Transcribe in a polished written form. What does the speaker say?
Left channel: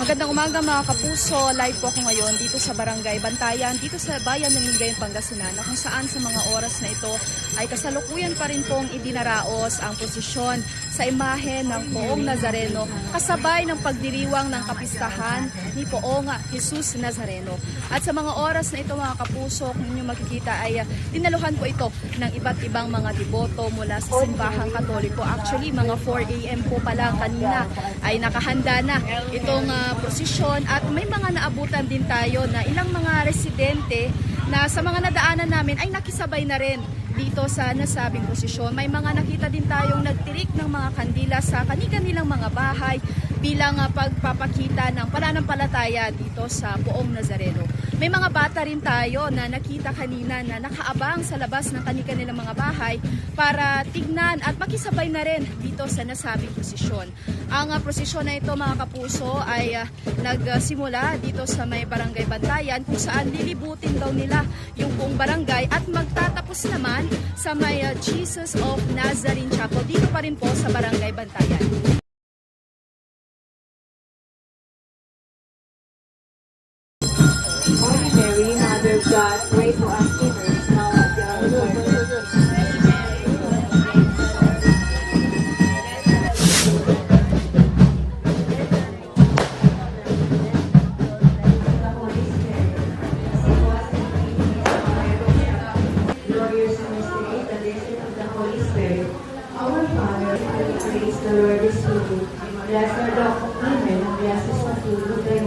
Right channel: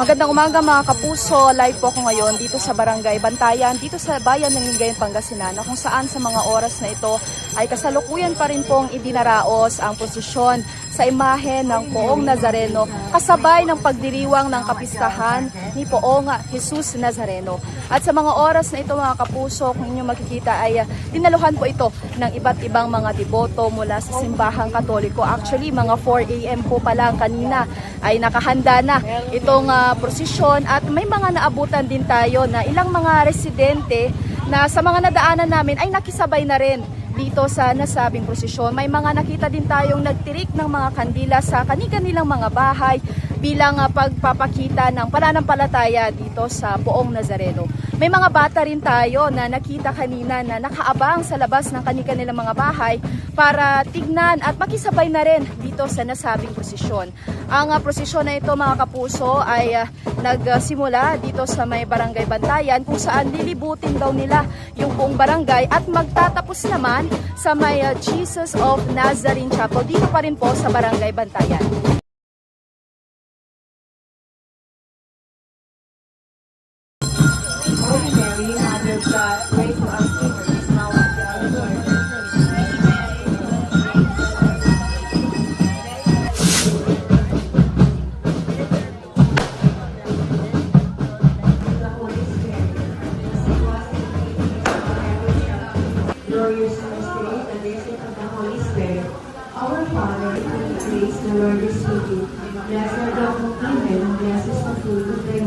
Magandang umaga mga kapuso, live po ako ngayon dito sa Barangay Bantayan, dito sa bayan ng Lingayen, Pangasinan, kung saan sa mga oras na ito ay kasalukuyan pa rin pong idinaraos ang posisyon sa imahe ng Poong Nazareno kasabay ng pagdiriwang ng kapistahan ni Poong Jesus Nazareno. At sa mga oras na ito mga kapuso, kung inyong makikita ay dinaluhan po ito ng iba't ibang mga deboto mula sa simbahang Katoliko. Actually mga 4 AM po pala kanina ay nakahanda na itong prosesyon at may mga naabutan din tayo na ilang mga residente na sa mga nadaanan namin ay nakisabay na rin dito sa nasabing prosesyon. May mga nakita din tayong nagtirik ng mga kandila sa kanilang mga bahay bilang pagpapakita ng pananampalataya dito sa Poong Nazareno. May mga bata rin tayo na nakita kanina na nakaabang sa labas ng kanilang mga bahay para tignan at makisabay na rin dito sa nasabing prosesyon. Ang prosesyon na ito mga kapuso ay nagsimula dito sa may Barangay Bantayan kung saan lilibutin daw nila yung buong barangay at magtatapos naman sa may Jesus of Nazarene Chapel dito pa rin po sa Barangay Bantayan. Holy Mary, Mother of God, pray for us sinners now and at the hour of our death. The Holy Spirit, as it was in the beginning, is now and forever. Glorious in this day, the blessing of the Holy Spirit. Our Father, who art in the Lord is with you. Blessed are thou among women, and blessed is the fruit of thy